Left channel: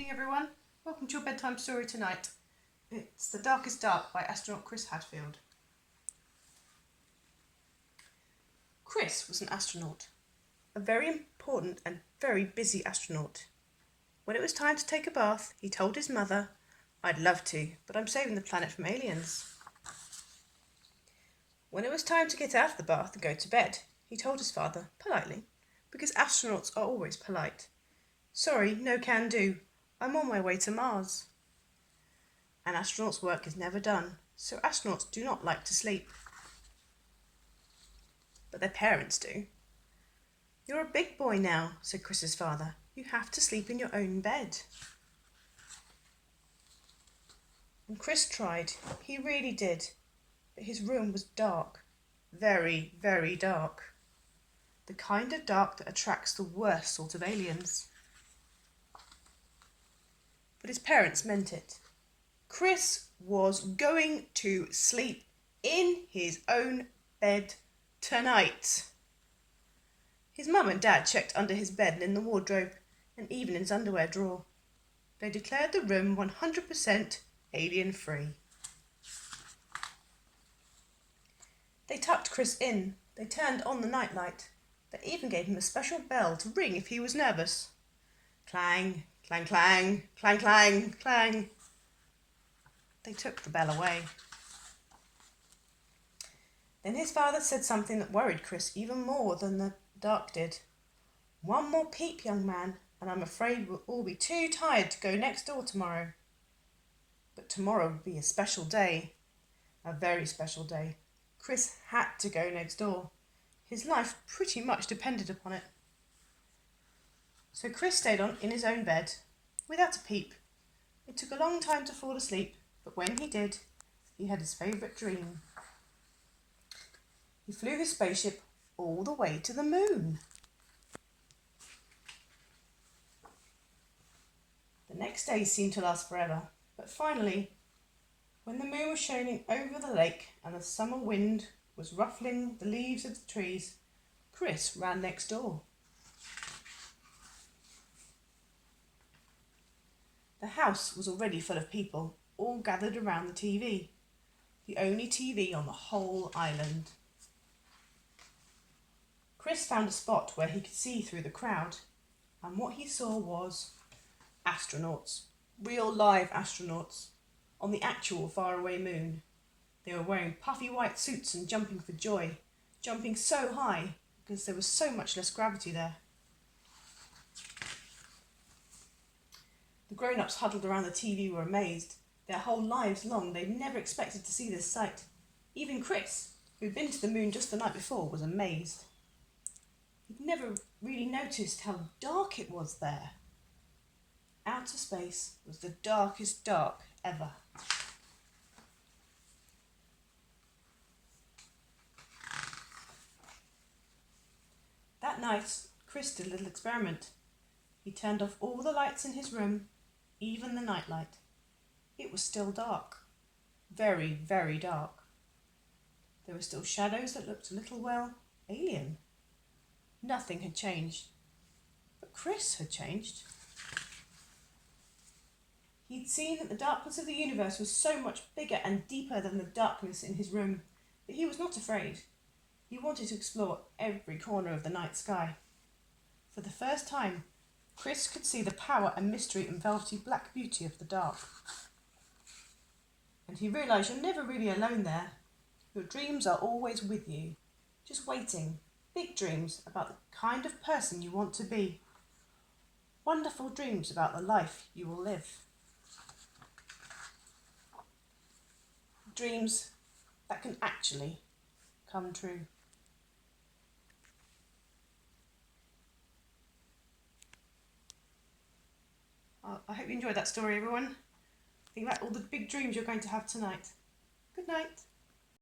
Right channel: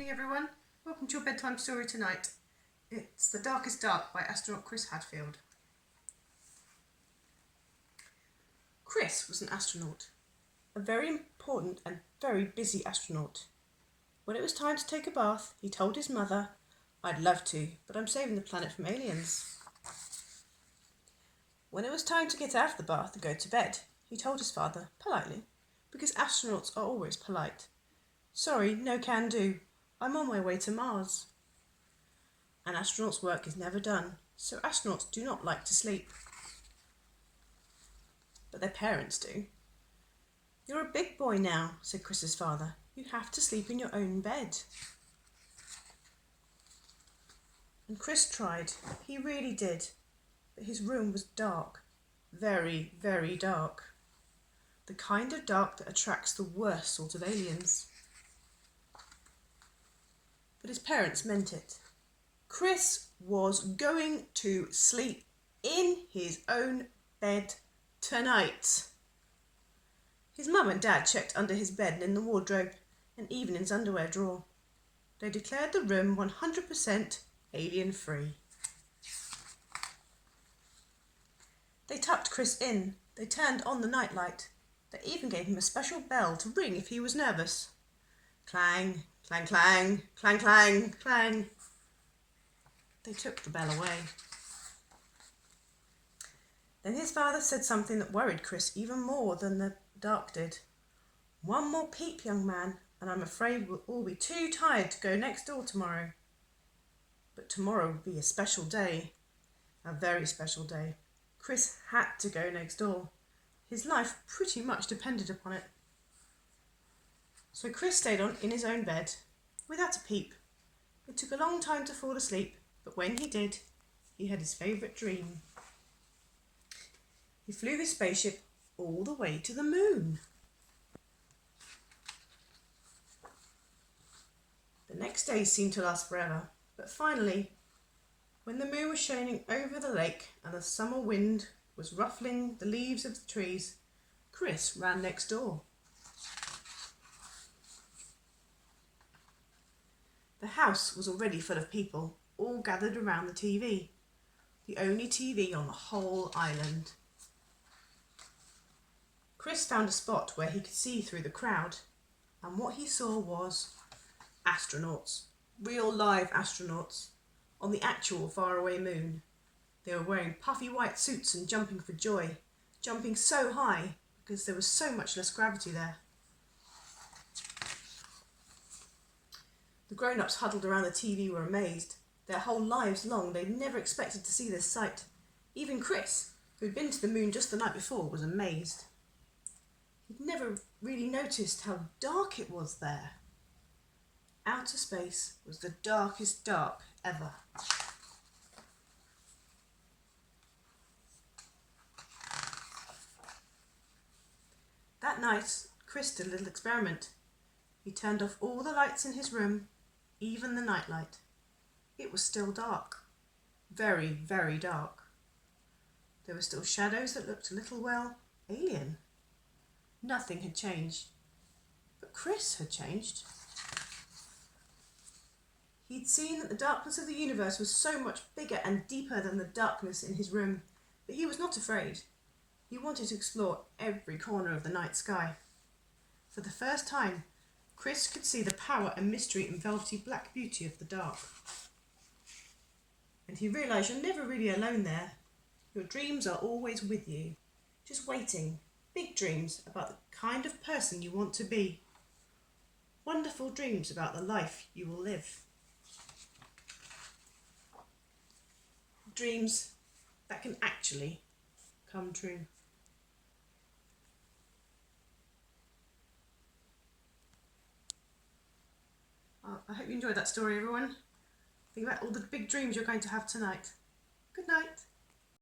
Good evening everyone, welcome to your bedtime story tonight. It's The Darkest Dark by astronaut Chris Hadfield. Chris was an astronaut, a very important and very busy astronaut. When it was time to take a bath, he told his mother, "I'd love to, but I'm saving the planet from aliens." When it was time to get out of the bath and go to bed, he told his father, politely, because astronauts are always polite, "Sorry, no can do. I'm on my way to Mars." An astronaut's work is never done, so astronauts do not like to sleep. But their parents do. "You're a big boy now," said Chris's father. "You have to sleep in your own bed." And Chris tried. He really did. But his room was dark. Very, very dark. The kind of dark that attracts the worst sort of aliens. But his parents meant it. Chris was going to sleep in his own bed tonight. His mum and dad checked under his bed and in the wardrobe, and even in his underwear drawer. They declared the room 100% alien-free. They tucked Chris in. They turned on the nightlight. They even gave him a special bell to ring if he was nervous. Clang, clang, clang, clang, clang, clang. They took the bell away. Then his father said something that worried Chris even more than the dark did. "One more peep, young man, and I'm afraid we'll all be too tired to go next door tomorrow." But tomorrow would be a special day, a very special day. Chris had to go next door. His life pretty much depended upon it. So Chris stayed in his own bed, without a peep. It took a long time to fall asleep, but when he did, he had his favourite dream. He flew his spaceship all the way to the moon. The next day seemed to last forever, but finally, when the moon was shining over the lake and the summer wind was ruffling the leaves of the trees, Chris ran next door. The house was already full of people, all gathered around the TV, the only TV on the whole island. Chris found a spot where he could see through the crowd, and what he saw was astronauts, real live astronauts, on the actual faraway moon. They were wearing puffy white suits and jumping for joy, jumping so high because there was so much less gravity there. The grown-ups huddled around the TV were amazed. Their whole lives long, they'd never expected to see this sight. Even Chris, who'd been to the moon just the night before, was amazed. He'd never really noticed how dark it was there. Outer space was the darkest dark ever. That night, Chris did a little experiment. He turned off all the lights in his room, even the nightlight. It was still dark. Very, very dark. There were still shadows that looked a little, well, alien. Nothing had changed. But Chris had changed. He'd seen that the darkness of the universe was so much bigger and deeper than the darkness in his room, but he was not afraid. He wanted to explore every corner of the night sky. For the first time, Chris could see the power and mystery and velvety black beauty of the dark. And he realised you're never really alone there. Your dreams are always with you, just waiting. Big dreams about the kind of person you want to be. Wonderful dreams about the life you will live. Dreams that can actually come true. I hope you enjoyed that story, everyone. Think about all the big dreams you're going to have tonight. Good night.